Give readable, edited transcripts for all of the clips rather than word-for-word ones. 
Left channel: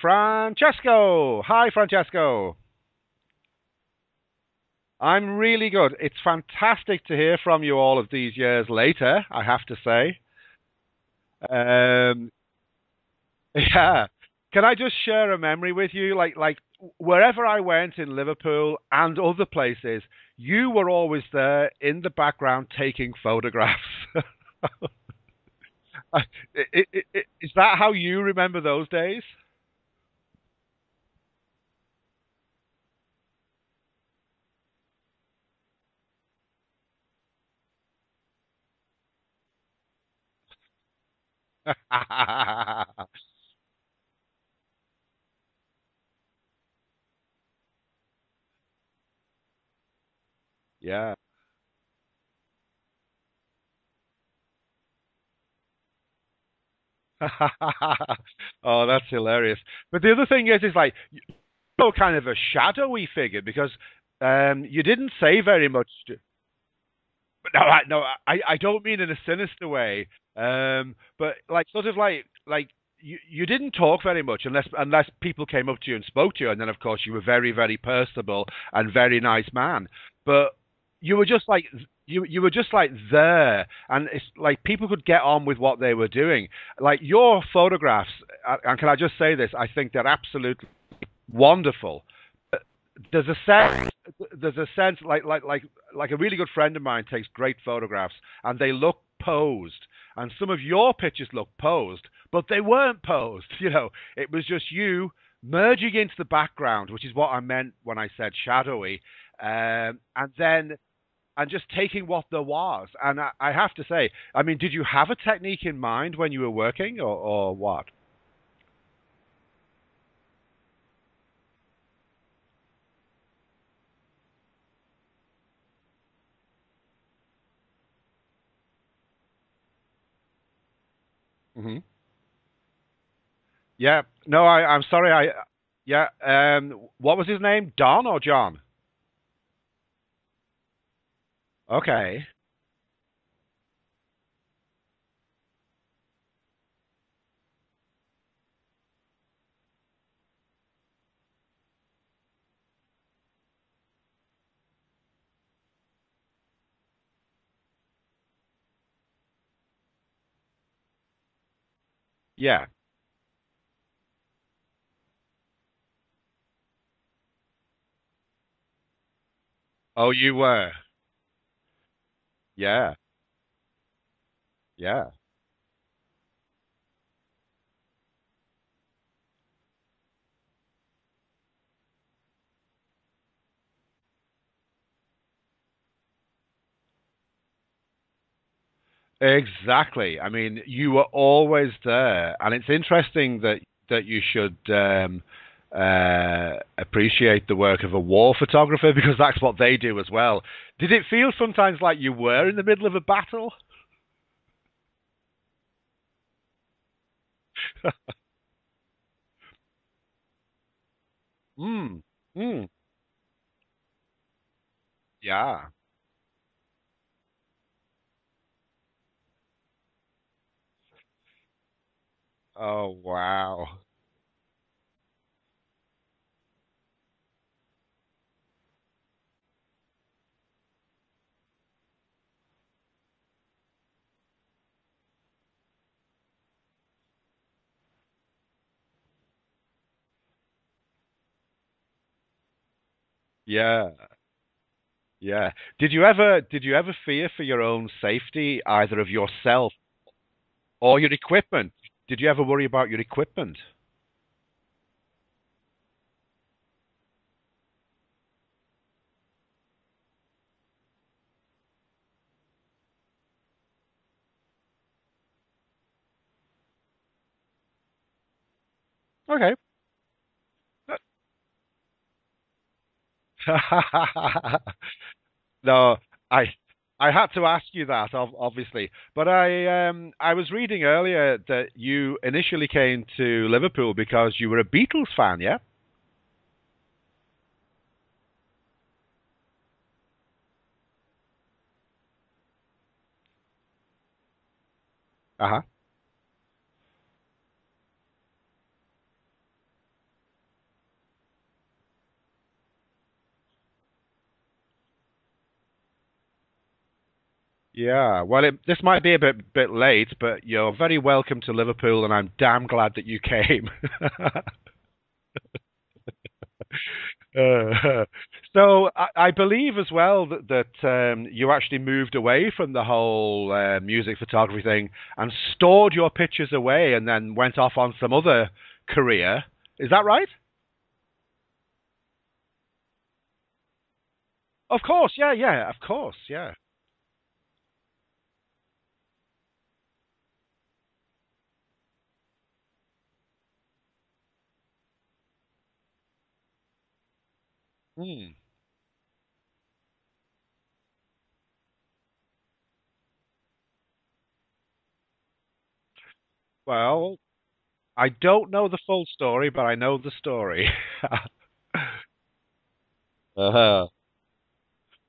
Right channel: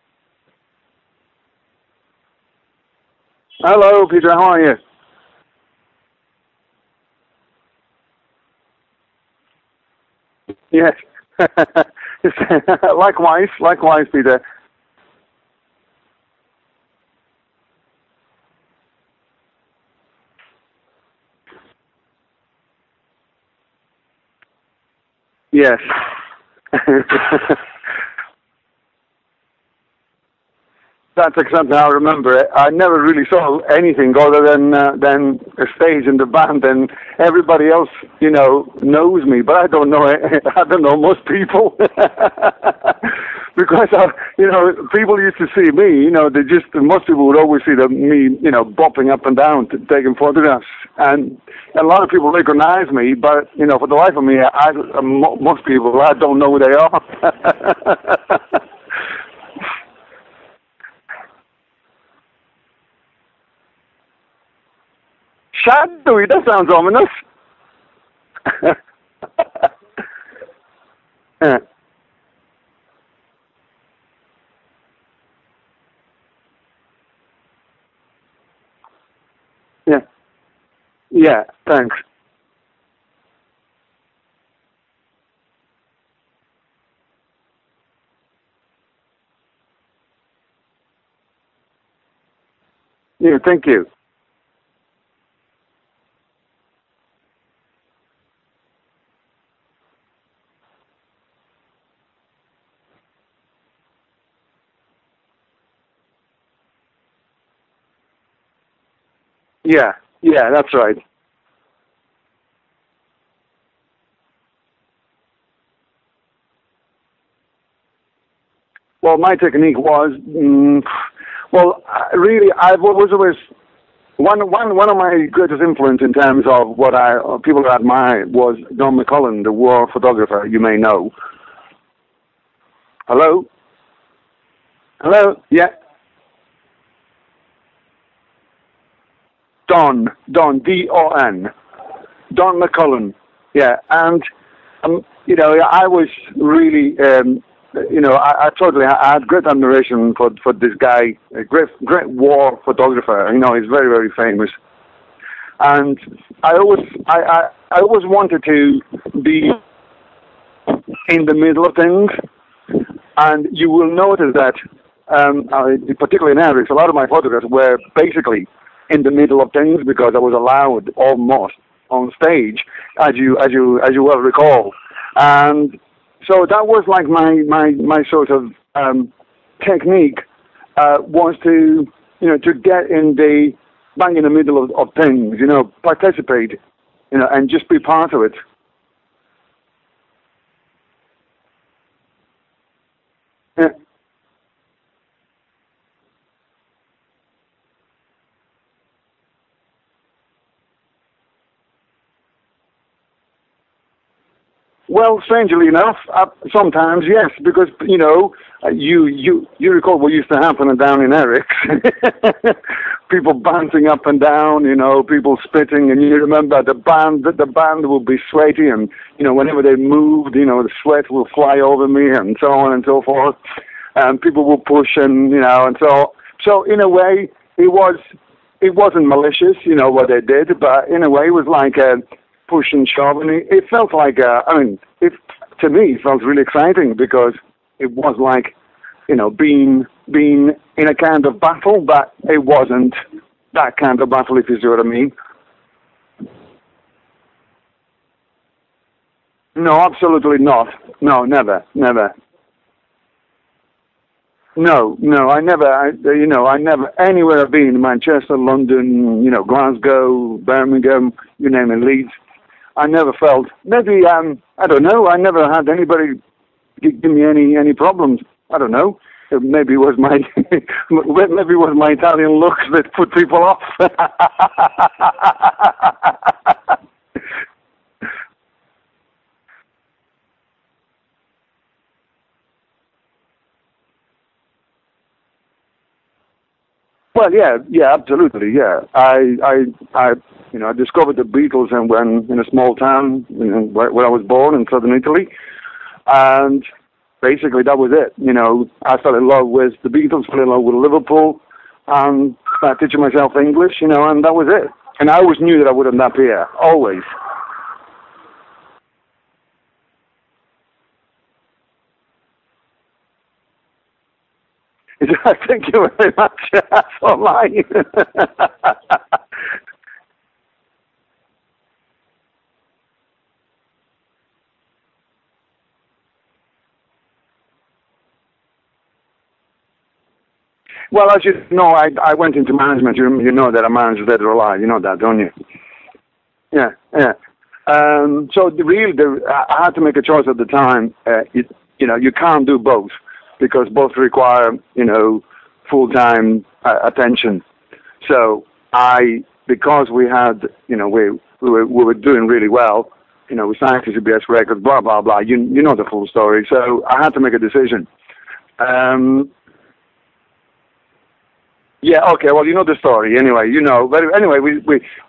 Francesco. Hi, Francesco. Hello, Peter. How are you? I'm really good. It's fantastic to hear from you all of these years later, I have to say. Yes. Um, Likewise, yeah. Peter. Can I just share a memory with you? Like wherever I went in Liverpool and other places, you were always there in the background taking photographs. Yes. Is that how you remember those days? That's exactly how I remember it. I never really saw anything other than a stage in the band, and everybody else, knows me, but I don't know. I don't know most people because people used to see me. Most people would always see me, bopping up and down, taking photographs, Yeah. and a lot of people recognize me, but for the life of me, most people I don't know who they are. Oh, that's hilarious. But the other thing is like, you're kind of a shadowy figure because you didn't say very much. Shadowy, that sounds ominous. No, I don't mean in a sinister way. But Yeah. like sort of like you didn't talk very much unless people came up to you and spoke to you, and then of course you were very very personable and very nice man. Yeah. But you were just like Thanks. you were just like there, and it's like people could get on with what they were doing. Like your photographs, and can I just say this? I think they're absolutely wonderful. There's a Thank sense, you. there's a sense like a really good friend of mine takes great photographs and they look posed, and some of your pictures look posed, but they weren't posed. It was just you merging into the background, which is what I meant when I said shadowy. Yeah, And then that's right. and just taking what there was. And I have to say, I mean, did you have a technique in mind when you were working, or what? Well, my technique was, really, I was always one of my greatest influence in terms of what people I admire was Don McCullum, the war photographer. You may know. Hmm. Hello. Yeah. No, I'm sorry. Hello. Yeah. Yeah. What was his name? Don or John? Don Don. Okay. Don McCullum. Yeah, and I was really, I totally I had great admiration for this guy, a great war photographer. He's very very famous, and I always wanted to be in the middle of things, Yeah. and you will notice that, particularly in Erics, a lot of my photographs were basically in the middle of things because Oh, I was you were. allowed almost on stage, Yeah. as you well recall, Yeah. and so that was like my sort of technique, was to get in the bang in the middle of things, participate, and just be part of it. Exactly. I mean, you were always there, and it's interesting that Yeah. you should appreciate the work of a war photographer because that's what they do as well. Did it feel sometimes like you were in the middle of a battle? Well, strangely enough, sometimes yes, because you recall what used to happen down in Eric, Mm. people bouncing up and down, people Yeah. spitting, and you remember the band would be sweaty, and whenever they moved, the sweat will fly over me, and so on and Oh, so forth, wow. and people will push, and so in a way it wasn't malicious, what they did, but in a way it was like a push and shove, and it felt like, to me, it felt really exciting because it was like, being in a kind of battle, but it wasn't that Yeah. kind of battle, if you see what I mean. Yeah. Did you ever fear for your own safety, either of yourself No, absolutely not. or your No, never, equipment? never. Did you ever worry about your equipment? No, I never, anywhere I've been, Manchester, London, Glasgow, Birmingham, you name it, Leeds, I never felt, maybe, I don't know, I never had anybody give me any problems. I don't know. Okay. Maybe it was my maybe it was my Italian looks that put people off. No, I had to ask you that, obviously. But I was reading earlier that you initially came to Liverpool because you were a Beatles fan, yeah? Well, yeah, absolutely, yeah. I discovered the Beatles and when in a small town, where I was born in southern Italy, Uh-huh. and basically that was it. I fell in love with the Beatles, fell in love with Liverpool, and started teaching myself English, and that was it. And I always knew that I wouldn't appear, always. Yeah, well, this might be a bit late, but you're very welcome to Liverpool, and I'm damn glad that you came. Thank you very much. So I believe as well that you actually moved away from the whole music photography thing and stored your pictures away, and then went off on some other career. Is that right? Well, as you know, I went into management. You know that I managed Dead or Alive. You know that, don't you? Yeah, of course, yeah. Yeah. So I had to make a choice at the time. You can't do both because both require, full-time attention. So because we had, we were doing really well, we signed to CBS Records, blah, blah, blah. You know the full story. So I had to make a decision. I don't know the full story, but I know the story. Yeah, okay, well, you know the story anyway, But anyway,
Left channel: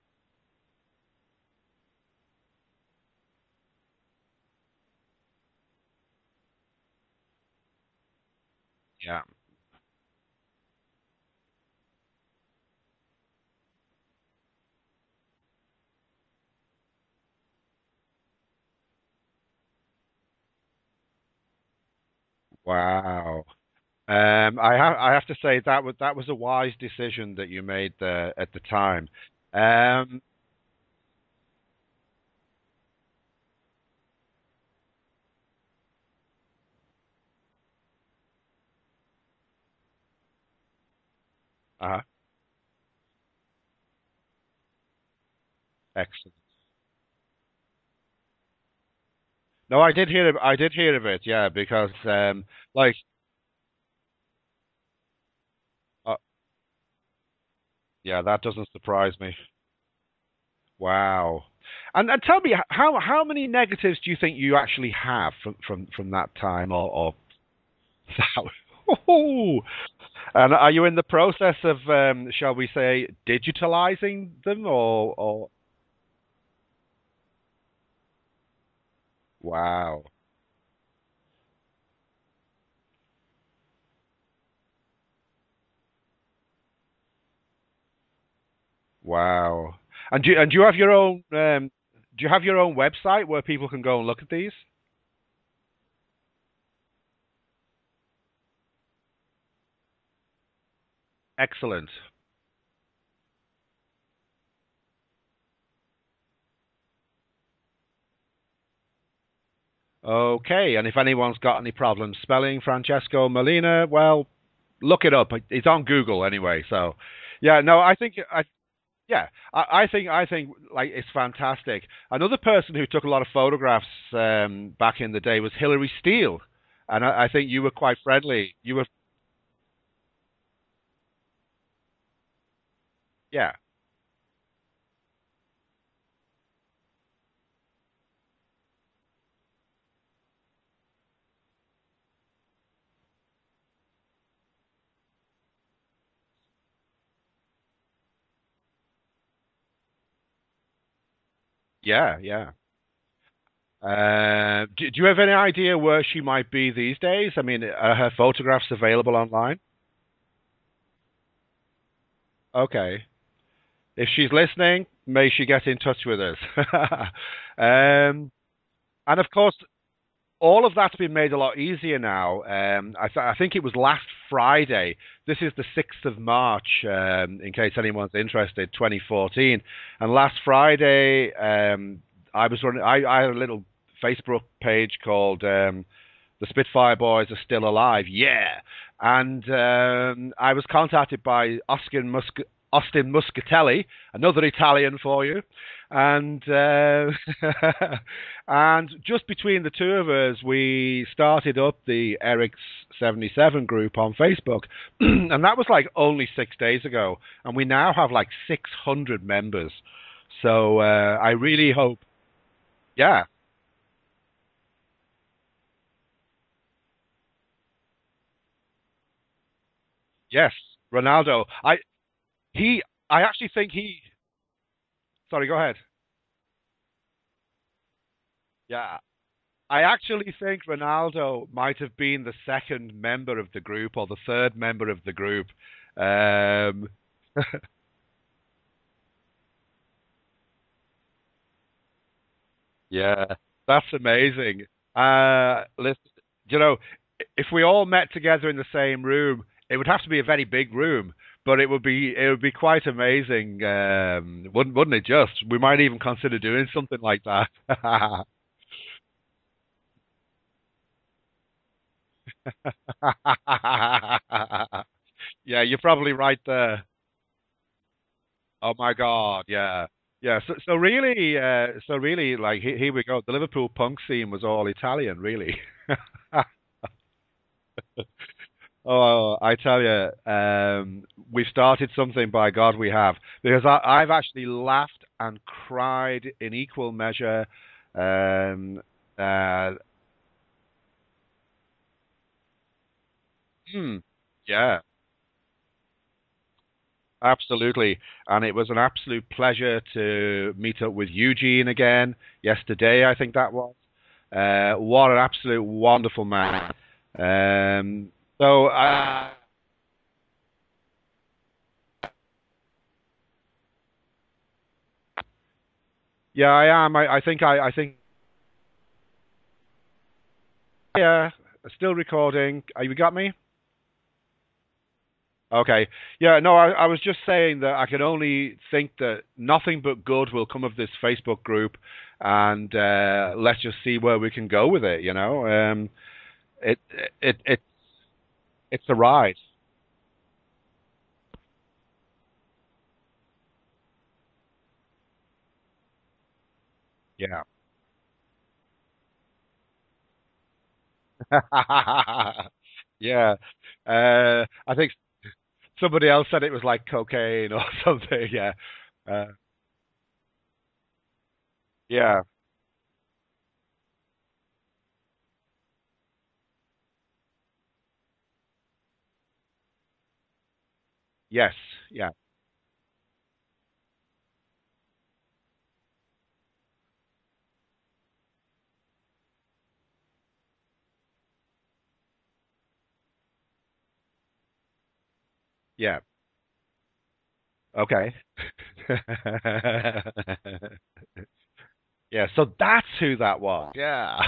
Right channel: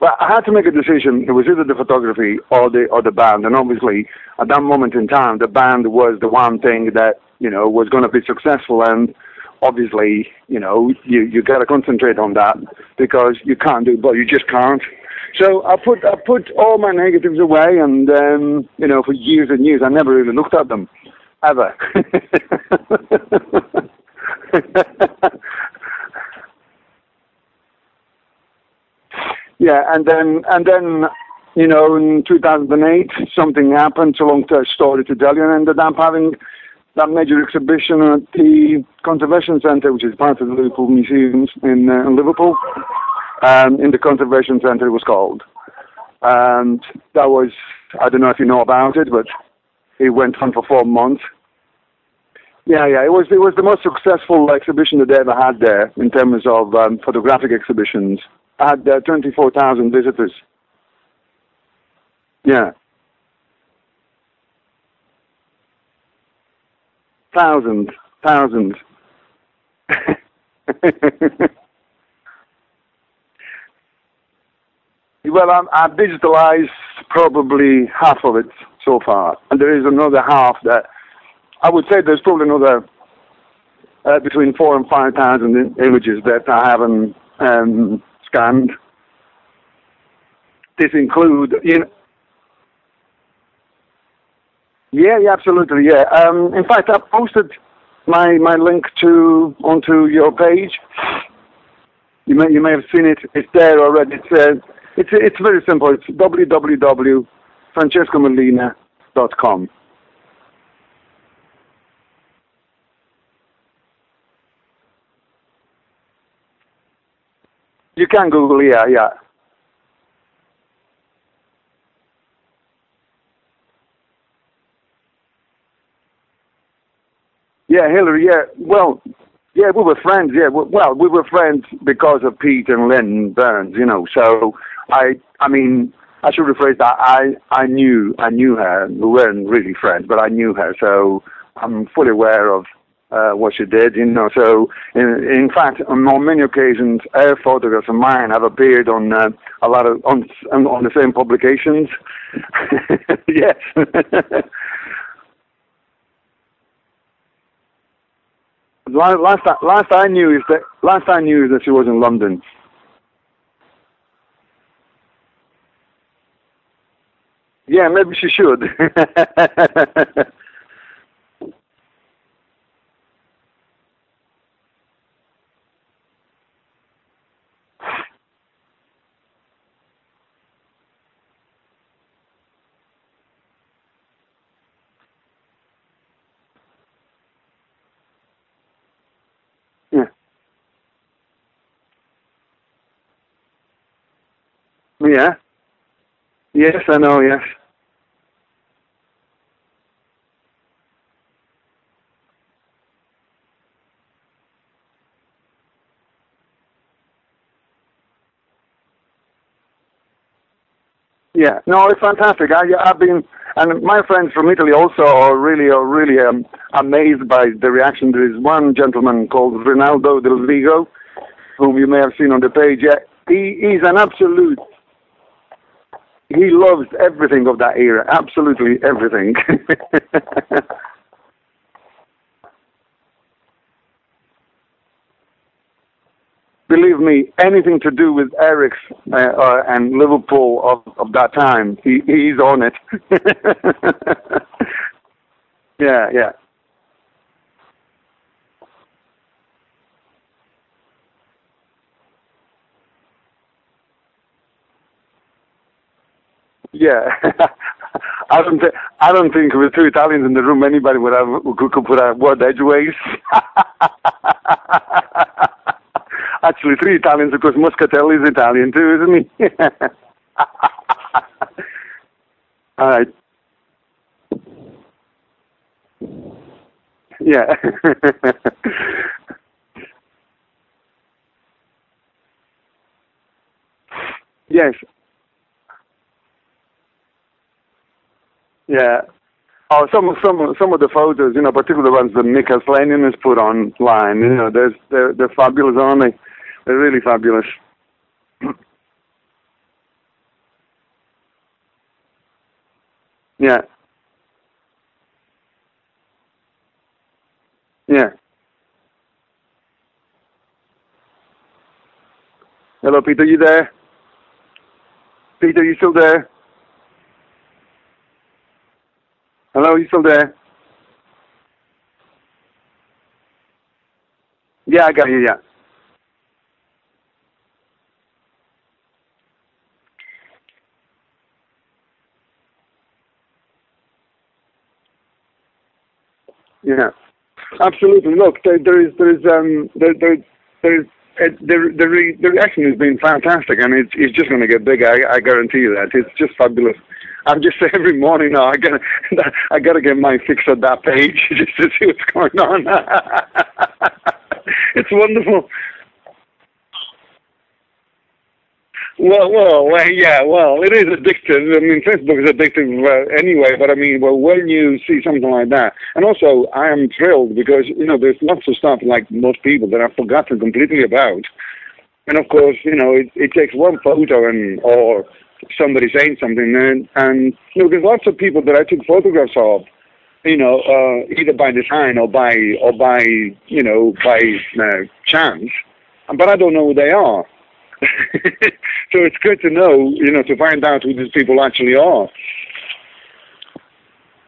well, I had to make a decision. It was either the photography or the band. And obviously, at that moment in time, the band was the one thing that, was going to be successful. And obviously, you got to concentrate on that because you can't do both. You just can't. So I put all my negatives away, and for years and years, I never really looked at them, ever. Wow. I have to say that was a wise decision that you made at the time. Yeah, and then in 2008 something happened. So long story to tell you, and ended up having that major exhibition at the Conservation Centre, which is part of the Liverpool Museums in Liverpool. In the Conservation Centre, it was called. Excellent. And that was, I don't know if you know about it, but no, I did it went on for 4 months. Because it was the most successful exhibition that they ever had there in terms of photographic exhibitions. Yeah, that doesn't. Had 24,000 visitors. Wow. And tell me, how many negatives do you think you actually have from that time, or thousands? Oh. And are you in the process of, shall we say, digitalizing them, or? Well, I've digitalized probably half of it so far, and there is another half that I would say there's probably another between 4,000 and 5,000 images that I haven't scanned. Wow. And do you have your own? Do you have your own website where people can go and look at these? Yeah, absolutely. Yeah. In fact, I posted my link onto your page. Excellent. You may have seen it. It's there already. It's very simple. It's www.francescomellina.com. Okay, and if anyone's got any problems spelling Francesco Mellina, well, look it up. It's on Google anyway. So, yeah, no, I think you can Google. Yeah. I think like it's fantastic. Another person who took a lot of photographs back in the day was Hilary Steele, and I think you were quite Hilary. friendly. We were friends. Yeah, well, we were friends because of Pete and Lynn Burns. So I mean, I should rephrase that. I knew her. We weren't really friends, but I knew her. So I'm fully aware of what she did, So, in fact, on many occasions, her photographs of mine have appeared on a lot of on the same publications. Yeah. Yes. Do you have any idea where she might be these days? I mean, are her photographs available online? Last I knew is that she was in London. Okay. If she's listening, may she get in touch with us. Yeah, maybe she should. And of course, all of that's been made a lot easier now. I think it was last Friday. This is the 6th of March, in case anyone's interested, 2014. And last Friday, I was running. I had a little Facebook page called "The Spitfire Boys Are Still Alive." Yeah, and I was contacted by Austin Muscatelli, another Italian for you. And yes, I know, yeah. And just between the two of us, we started up the Eric's 77 group on Facebook, and that was like only 6 days ago, and we now have like 600 members. So it's fantastic. I've been, and my friends from Italy also are really amazed by the reaction. There is one gentleman called Ronaldo Del Vigo, who you may have seen on the page. He's an absolute. Sorry, go ahead. he loves everything of that era, absolutely everything. I actually think Ronaldo might have been the second member of the group or the third member of the group. Believe me, anything to do with Eric's and Liverpool of that time, he's on it. Yeah, that's amazing. Yeah. You know, if we all met together in the same room, it would have to be a very big room, but it would be quite amazing, wouldn't it? Just we might even consider doing something like that. I don't think with two Italians in the room, anybody could put a word edgeways. Yeah, you're probably right. Actually, three Italians because Muscatelli is Italian too, isn't he? Yeah. Yeah, so really, like here we go. The Liverpool punk scene was all Italian, really. Yeah. Oh, I tell you, we've started something. By God, we have, because I've actually laughed and cried in equal measure. Some of the photos, particularly the ones that Mika Slanian has put online, they're fabulous, aren't they? They're really fabulous. Absolutely. And it was an absolute pleasure to meet up with Eugene again yesterday, I think that was. What an absolute wonderful man. So, hello, Peter, you there? Peter, you still there? Yeah, I am. I think. Hello, you still there? Yeah, still recording. You got me? Yeah, I got you, yeah. Okay. Yeah, no, I was just saying that I can only think that nothing but good will come of this Facebook group, and let's just see where we can go with it, Absolutely. Look, the reaction has been fantastic, and it's just going to get bigger. I guarantee you that. It's just fabulous. Yeah. I'm just every morning now. I gotta get my fix on that page just to see what's going on. It's wonderful. Somebody else said it was like cocaine or something. Yeah. Well, it is addictive. I mean, Facebook is addictive anyway. But I mean, when you see something like that, and also I am thrilled because there's lots of stuff like most people that I've forgotten completely about. Yes. Yeah. And of course, it takes one photo or somebody saying something, and there's lots of people that I took photographs of, either by design or by chance. Yeah. But I don't know who they are. Okay. So it's good to know, to find out who these people actually are. Yeah. So that's who that was. Yeah.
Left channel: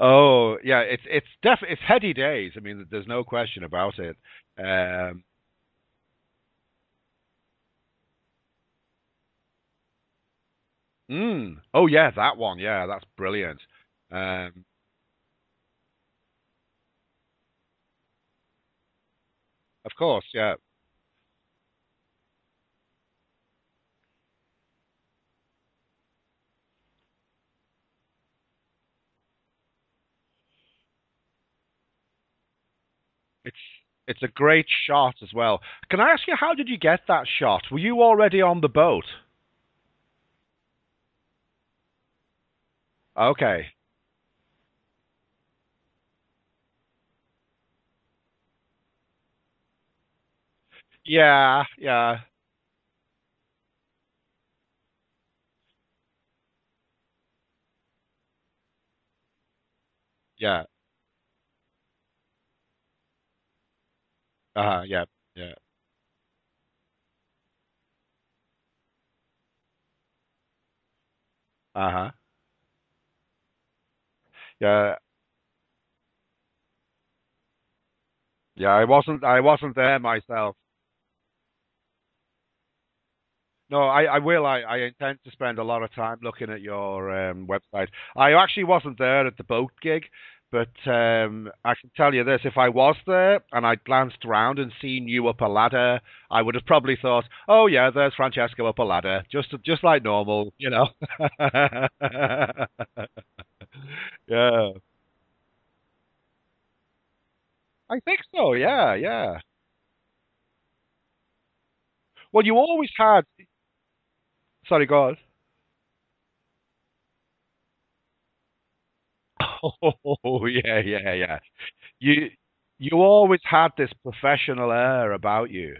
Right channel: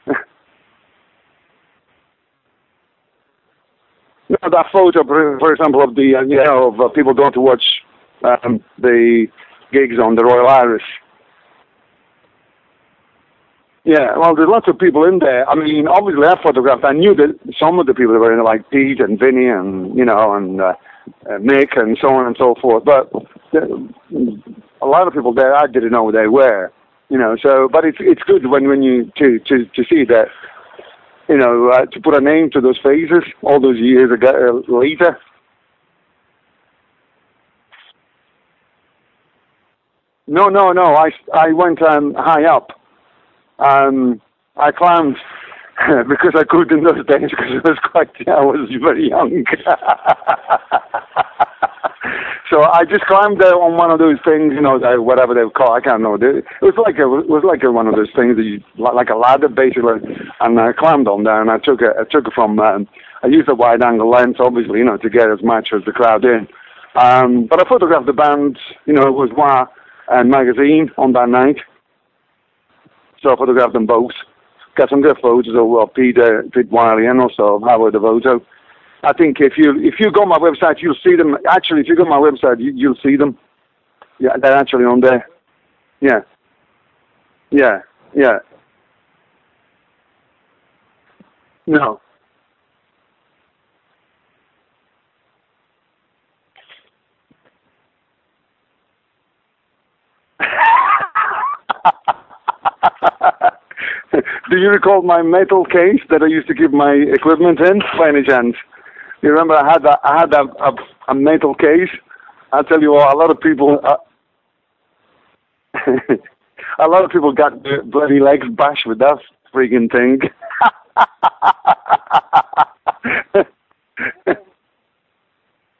Oh, yeah. It's heady days. I mean, there's no question about it. That photo, for example, of the of people going to watch the gigs on the Royal Iris. Oh yeah, that one. Yeah, that's brilliant. Yeah, well, there's lots of people in there. I mean, obviously, I photographed. I knew that some of the people that were in there, like Pete and Vinny and and Mick and so on and so forth. But a lot of people there, I didn't know who they were. So, but it's good when you to see that. To put a name to those faces all those years ago. Great later. shot as well. Can I ask you, how did you get that shot? Were you already on the boat? No. I went high up. Okay. I climbed because I could in those days because I was very young. Yeah. So I just climbed on one of those things, whatever they call. I can't know. It was like one of those things that like a ladder basically, and I climbed on there and I took it from. I used a wide angle lens, obviously, to get as much as the crowd in. But I photographed the band, it was Wah and Magazine on that night. So I photographed them both. Yeah. Got some good photos of Pete Wiley and also Howard Devoto. Yeah, I think if you go on my website, you'll see them. Actually, if you go on my website, you'll see them. No, I will. They're actually on there. To spend a lot of time looking at your website. I actually wasn't there at the boat gig, but I can tell you this: if I was there and I'd glanced around and seen you up a ladder, I would have probably thought, "Oh yeah, there's Francesco up a ladder, just like normal." Do you recall my metal case that I used to keep my equipment in, by any chance? Oh yeah. You remember I had a metal case. Well, I'll tell you what, a lot of people. Sorry, go on. A lot of people got their bloody legs bashed with that freaking thing. Oh yeah. You always had this professional air about you,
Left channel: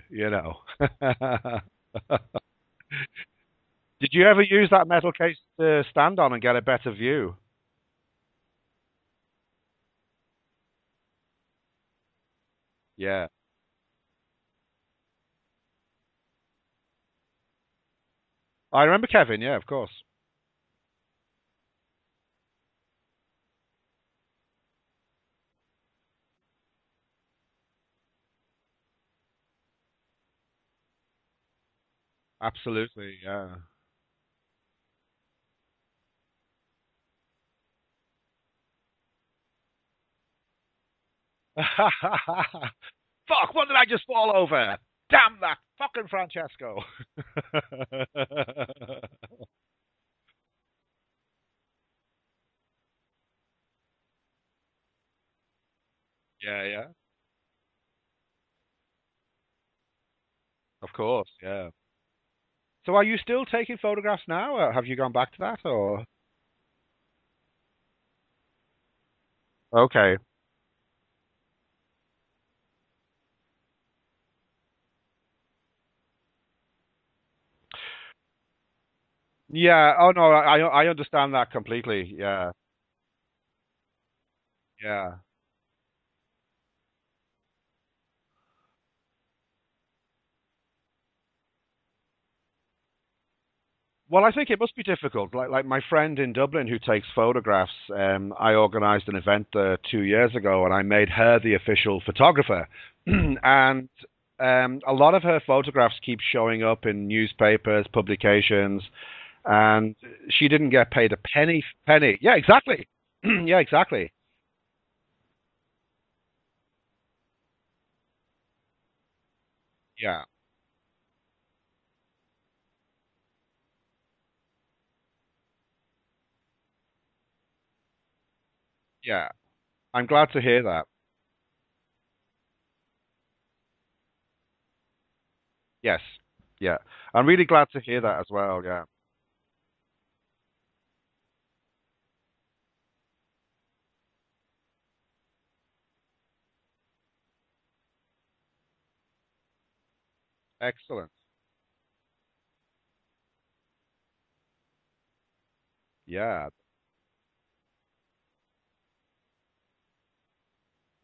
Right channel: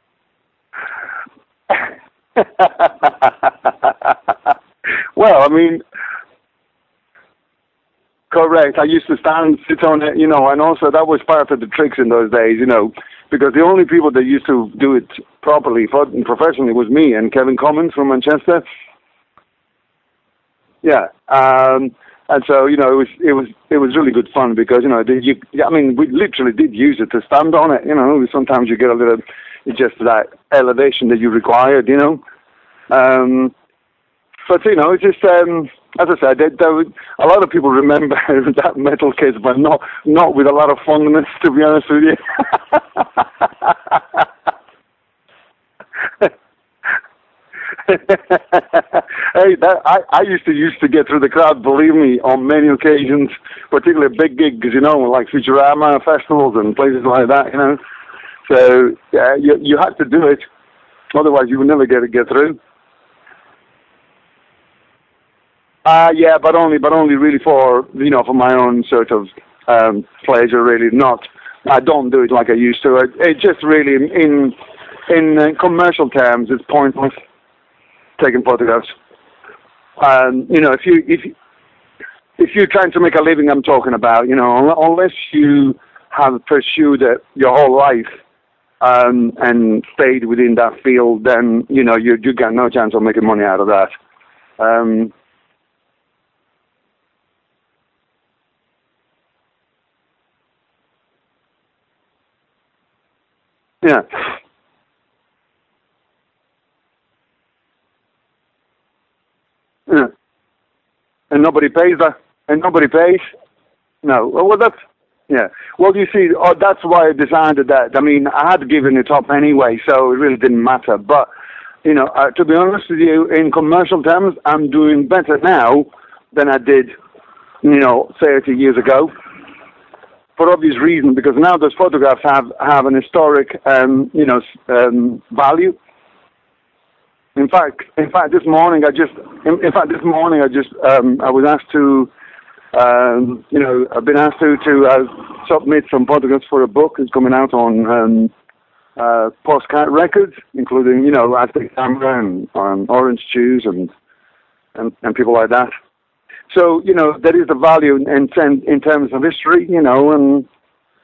Did you ever use that metal case Well, I mean, to stand on and get a better view? correct. I used to sit on it, and also that was part of the tricks in those days, Yeah. because the only people that used to do it properly, professionally, was me and Kevin Commons from Manchester. I remember Kevin. Yeah, of course. Yeah. And so, it was really good fun because, we literally did use it to stand on it, sometimes you get a little, it's just that elevation that you required, Absolutely. But, it's just, as I said, a lot of people remember that metal case, but not with a lot of fondness, to be honest with you. Fuck, what did I just fall over? Damn that fucking Francesco. Hey, I used to get through the crowd, believe me, on many occasions, particularly big gigs, like Futurama festivals and places like that, So, yeah, you had to do it. Of course. Otherwise, you would never get through. So are you still taking photographs now? Or have you gone back to that? Or? Yeah, but only really for for my own sort of pleasure. Really, not. I don't do it like I used to. It just really in commercial terms, it's pointless taking photographs. Yeah, I understand that completely. Yeah. If you're trying to make a living, I'm talking about. Unless you have pursued it your whole life. And stayed within that field, then you got no chance of making money out of that. Well, I think it must be difficult. Like my friend in Dublin who takes photographs. I organised an event 2 years ago, and I made her the official photographer. And a lot of her photographs keep showing up in newspapers, publications, and she didn't get paid a penny. And nobody pays that. Yeah, exactly. And nobody pays. Yeah, exactly. No, well that's. Yeah. Well, you see, that's why I decided that. I mean, I had given it up anyway, so it really didn't matter. But, to be honest with you, in commercial terms, I'm doing better now than I did, 30 years ago. Yeah. I'm glad to hear that. For obvious reason, because now those photographs have an historic, value. Yes. Yeah. I'm really glad to hear that. In fact, this morning I was asked to. I've been asked to submit some photographs for a book that's coming out on postcard records, including Aztec Camera and Orange Juice and people like that. Yeah. So there is the value in terms of history, and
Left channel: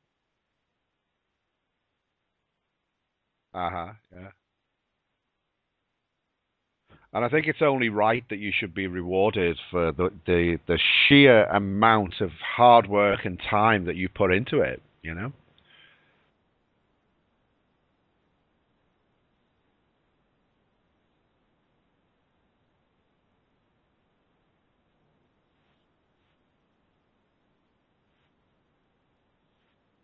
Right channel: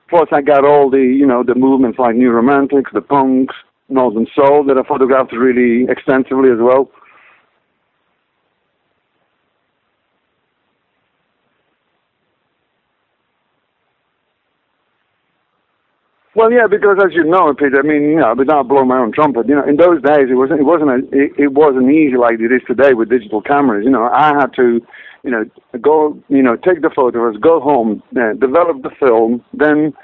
plus I got all the movements like New Romantics, the punks, Northern Soul that I photographed really extensively as well. And I think it's only right that you should be rewarded for the sheer amount of hard work and time that you put into it, Well, yeah, because as you know, Peter, I mean, without blowing my own trumpet, in those days it wasn't easy like it is today with digital cameras. I had to, go, take the photographs, go home, develop the film, then,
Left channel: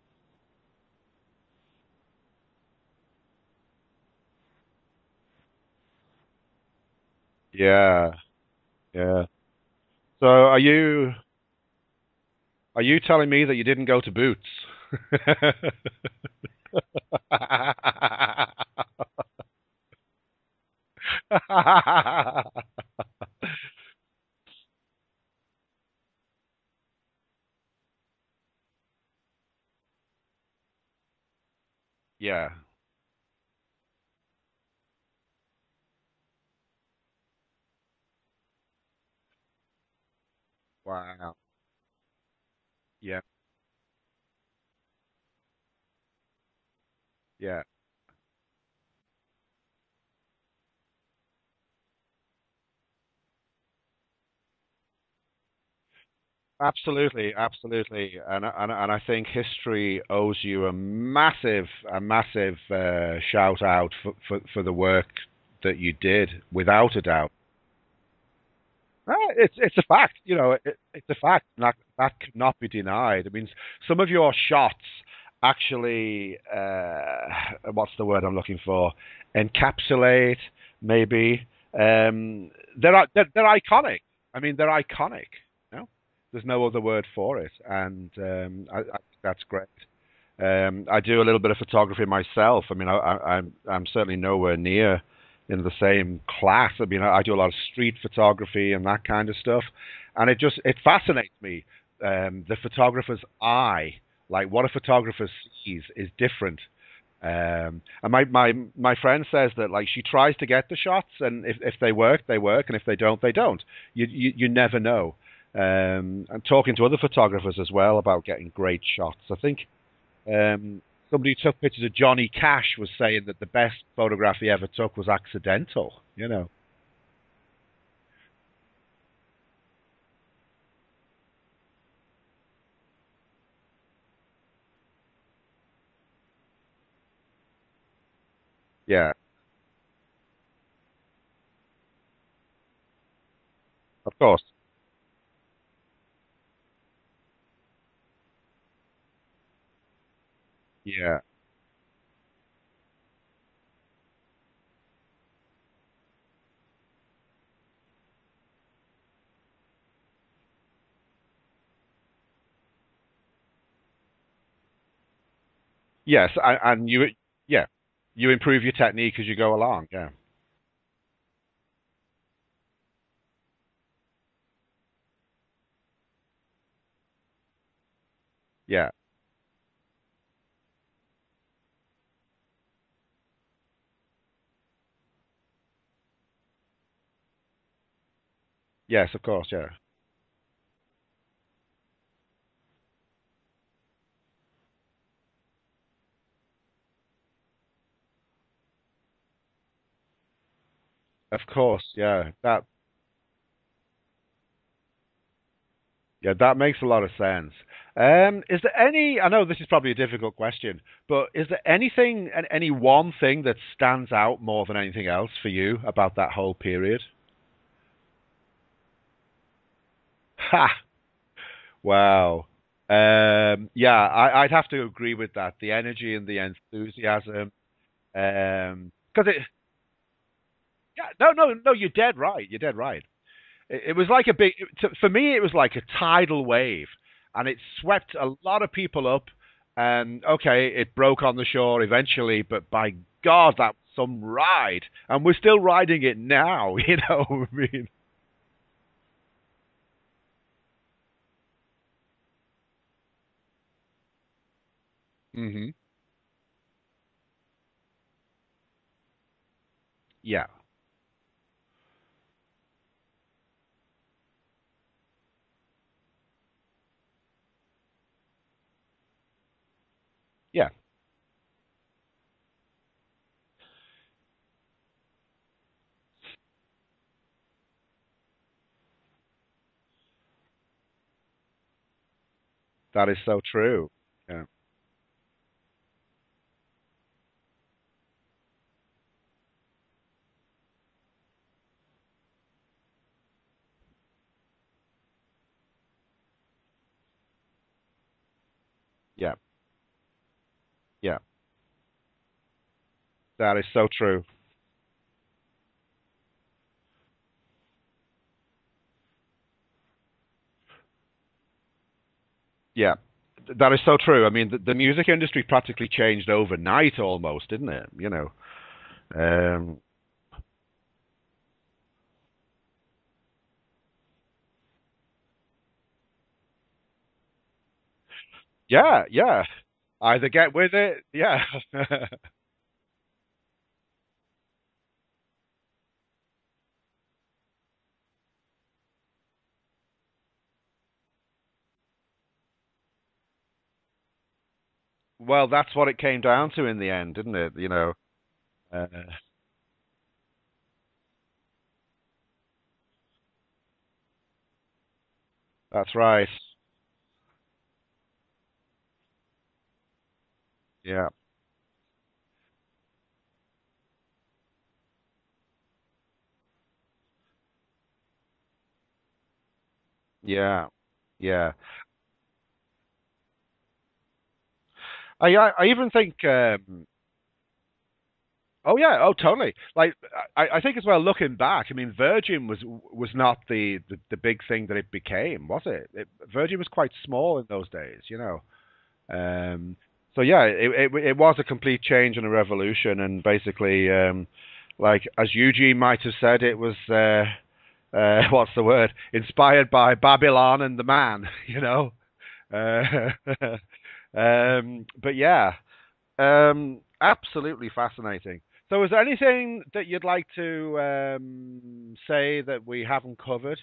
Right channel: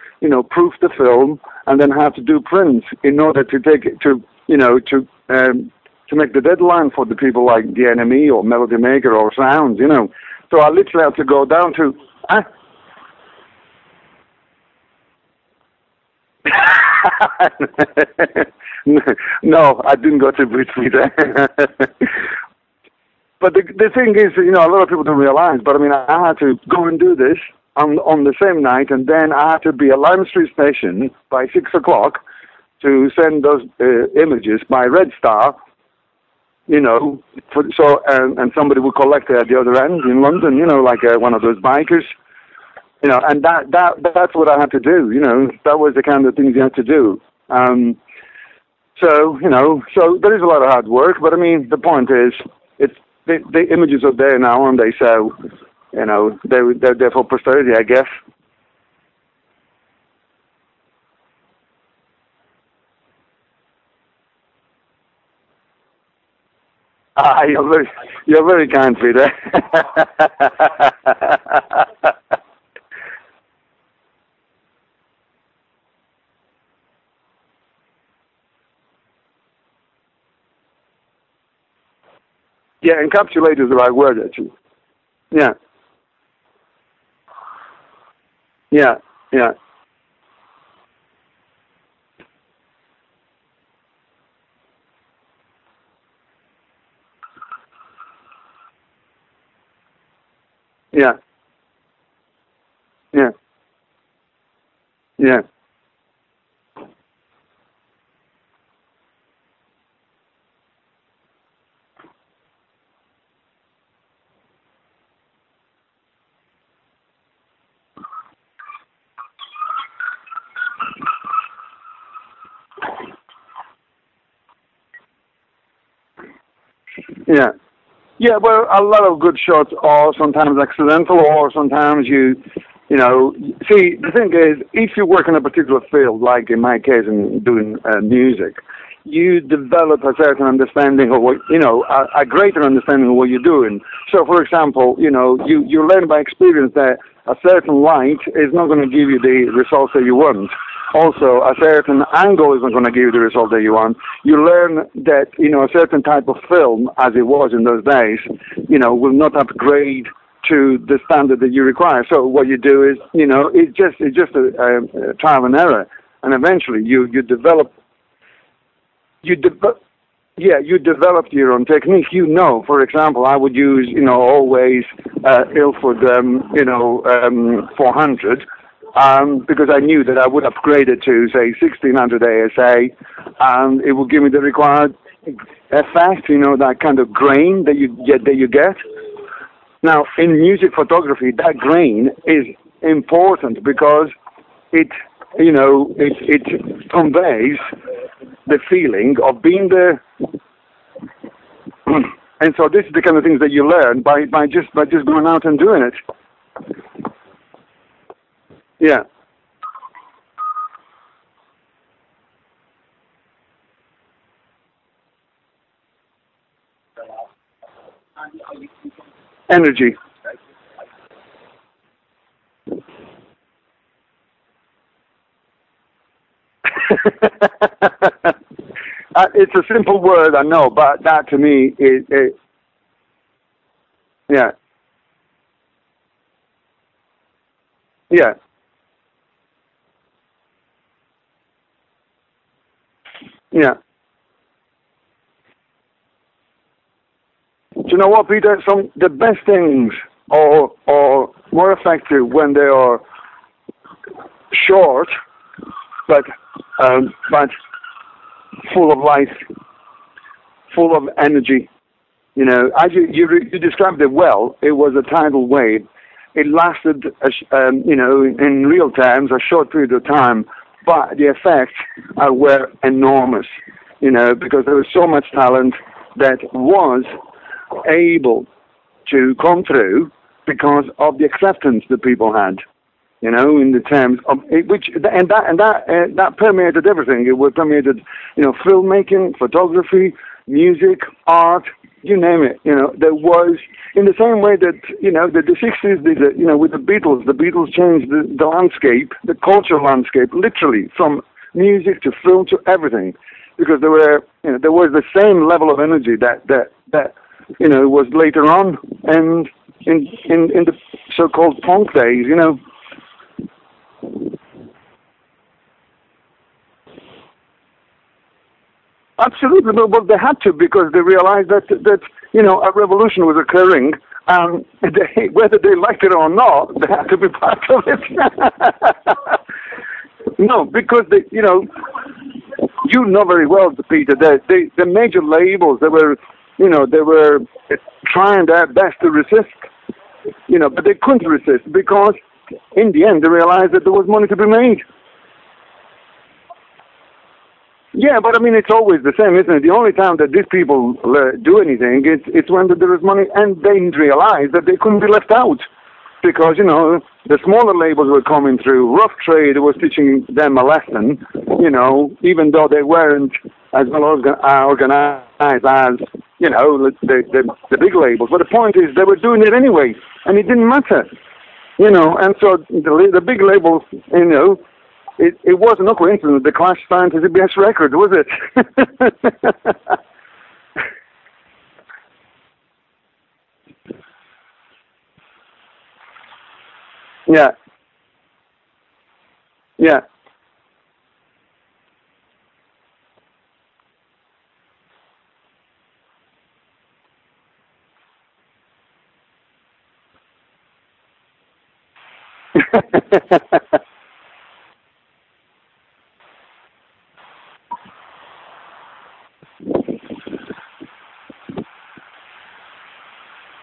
proof the film, and then have to do prints in order to take it to make the deadline for the people like The Enemy or Melody Maker or Sounds, So I literally have to go down to... Are you telling me that you didn't go to Boots? No, I didn't go to Boots either. But the thing is, a lot of people don't realize, but I mean, I had to go and do this on the same night, and then I had to be at Lime Street Station by 6 o'clock to send those images by Red Star. And somebody would collect it at the other end in London, like one of those bikers, and that's what I had to do, that was the kind of things you had to do. Yeah. So there is a lot of hard work, but I mean, the point is, the images are there now, and they so, they're there for posterity, I guess. And I think history owes you a massive shout out for the work that you did, without a doubt. You're very kind, Peter. It's a fact, it's a fact, and that cannot be denied. I mean, some of your shots actually, what's the word I'm looking for? Encapsulate, maybe. Encapsulate is the right word. Actually. I mean, they're iconic. Yeah. There's no other word for it, and that's great. I do a little bit of photography myself. I mean, I'm certainly nowhere near in the same class. I mean, I do a lot of street photography and that kind of stuff, and it fascinates me. The photographer's eye, like what a photographer sees, is different. And my friend says that like she tries to get the shots, and if they work, they work, and if they don't, they don't. You never know. I'm talking to other photographers as well about getting great shots. I think somebody who took pictures of Johnny Cash was saying that the best photograph he ever took was accidental. You know. Yeah. Yeah, well, a lot of good shots are sometimes accidental, or sometimes you know, see, the thing is, if you work in a particular field, like in my case, in doing music, Yeah. you develop a certain understanding of what, you know, a greater understanding of what you're doing. Of So, for course. example, you know, you learn by experience that a certain light is not going to give you the results that you want. Yeah. Also, a certain angle is not going to give you the result that you want. You learn that, you know, a certain type of film, as it was in those days, you know, will not upgrade to the standard that you require. So what you do is, you know, it's just a trial and error. Yes. And eventually And you develop. you improve your technique as you You go de- along. Yeah. yeah, you developed your own technique. You know, for example, I would use, you know, always Ilford, 400, Yeah. because I knew that I would upgrade it to, say, 1600 ASA, and it would give me the required effect, you know, that kind of grain that you get. Yes, of course. Yeah. Now, in music photography, that grain is important because it, you know, it conveys the feeling of being there. Of course. Yeah. And so this is the kind of things that you learn by just going out and doing it. Yeah, that makes a lot of sense. Is there Yeah. any? I know this is probably a difficult question, but is there anything, any one thing that stands out more than anything else for you about that whole period? Energy. Ha! Wow. Yeah, I'd have to agree with that. The energy and the enthusiasm. It's a simple word, I know, but that No, to no, me no. You're is, dead right. You're dead right. It was like a yeah, big. For me, it was like a tidal wave, and it swept yeah, a lot of people up. And okay, it broke on the shore eventually, but by God, yeah. that's some ride, and we're still riding it now. You know, I Do mean, you know what, Peter? The best things are more effective when they are short, hmm but but full of life, yeah, full of energy. You know, as you described it well. It was a tidal wave. It lasted, you know, in real terms, a short period of time, yeah, but the effects were enormous. You know, because there was so much talent that was able to come through because of the acceptance that people had. that is You so know, in the true. terms of that permeated everything. It was permeated, you know, filmmaking, photography, music, art, you name it. You know, there was, in the same way that, you know, the 60s did it, you know, with the Beatles changed the landscape, Yeah, the cultural landscape, literally yeah, from music to film to everything, that is because so true. there was the same level of energy that you know was later on, and in the so-called punk days, you know. Yeah, that is so true. I mean, the music industry practically changed overnight, almost, didn't it? You know. Absolutely, but they had to, because they realized that you know, a revolution was occurring, and whether they liked it or not, they had to be part of it. Yeah, yeah. Either get No, with it. because Yeah. you know, you know very well, Peter, that the major labels, they were, you know, they were trying their best to resist, you know, but they couldn't resist because in the end they realized that there was money to be made. Well, that's what it came down to in the end, didn't it? You know. Yeah, but I mean, it's always the same, isn't it? The only time that these people do anything, it's when there is money, and they realize that they couldn't be left out. That's right. Because, you know, the smaller labels were coming through. Rough Trade was teaching them a lesson, you know, even though they weren't as well organized as, you know, the big labels. But the point is, they were doing it anyway, and it Yeah. didn't matter, Yeah. you know. And so the big labels, you know, it I wasn't even no think. coincidence the Clash signed to CBS Records, was it? Oh yeah. Oh totally. Like I think as well. Looking back, I mean, Virgin was not the big thing that it became, was it? Virgin was quite small Yeah. in those days, you know. Yeah. So yeah, it was a complete change and a revolution, and basically, like as Eugene might have said, it was what's the word? Inspired by Babylon and the Man, you know. But yeah, Absolutely fascinating. So, is there anything that you'd like to say that we haven't covered?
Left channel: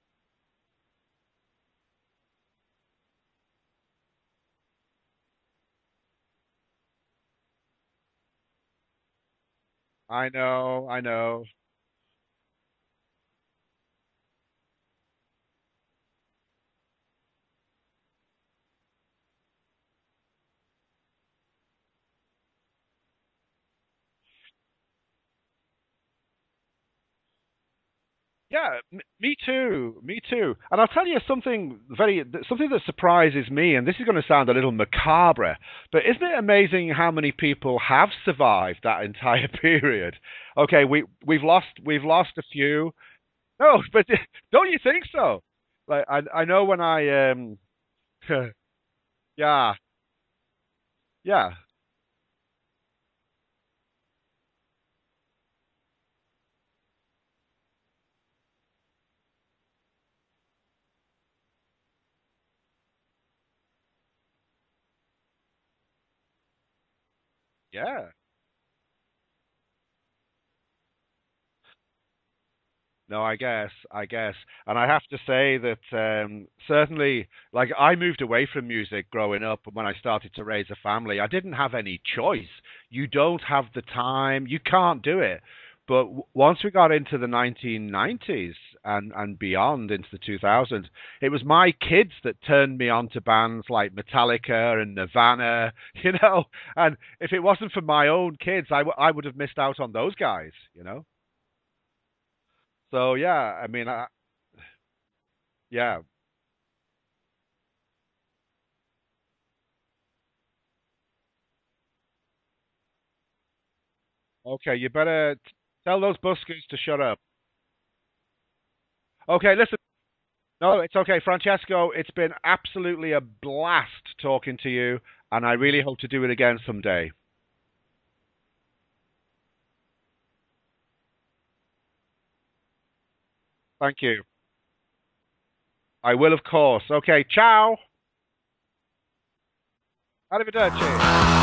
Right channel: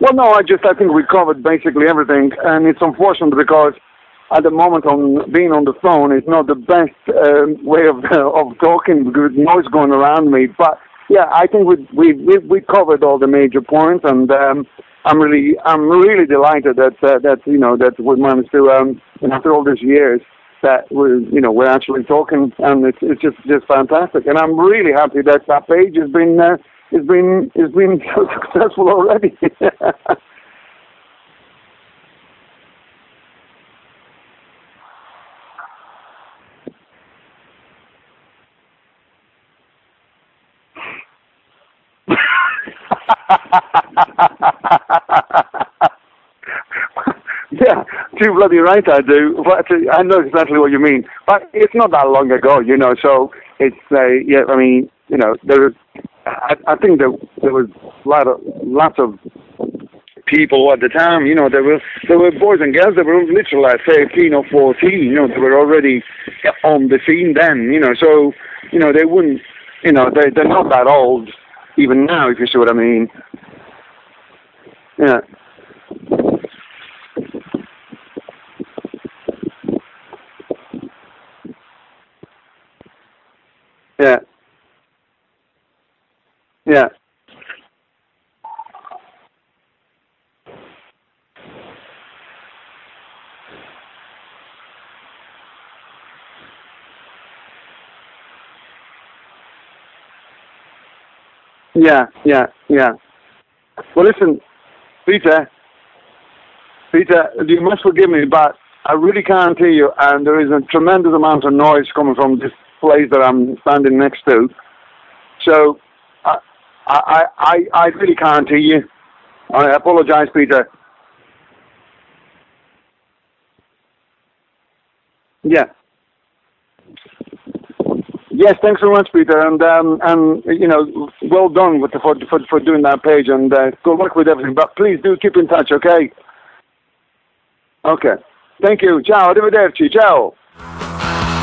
Well, no, I think we covered basically everything, and it's unfortunate because at the moment on being on the phone is not the best way of talking because noise going around me. But I know. yeah, I think we covered all the major points, and I'm really delighted that that we managed to after all these years that we're actually talking, and it's just fantastic, and I'm really happy that page has been. It's been so successful already. Me too. Me too. And I'll tell you something something that surprises me, and this is going to sound a little macabre, but isn't it amazing how many people have survived that entire period? Okay, we've lost a few. No, but don't you think so? Like, I know when I yeah, too bloody right I do. Yeah. But I know exactly what you mean. But Yeah. it's not that long ago, So it's yeah. I mean, there. I think there was lots of people at the time. There were boys and girls that were literally like 13 or 14. They were already on the scene then. So they wouldn't. They're not that old even now, if you see what I mean. No, I guess. And I have to say that certainly, like, I moved away from music growing up when I started to raise a family. I didn't have any choice. You don't have the time. You can't do it. But once we got into the 1990s and beyond, into the 2000s, it was my kids that turned me on to bands like Metallica and Nirvana, And if it wasn't for my own kids, I would have missed out on those guys, Yeah. So, yeah, I mean... Well, listen, Peter. Yeah. Peter, you must forgive me, but I really can't hear you, and there is a tremendous amount of noise coming from this place that I'm standing next to. Okay, you better tell those buskers to shut up. I really can't hear you. Okay. I apologize, Peter. No, it's okay. Francesco, it's been absolutely a blast talking to you, and I really hope to do it again someday. Yes, thanks so much, Peter, and well done for doing that page, and good luck with everything. But please do keep in touch, okay? I will, of course. Okay, ciao. Okay. Thank you. Ciao. Arrivederci. Ciao. Arrivederci.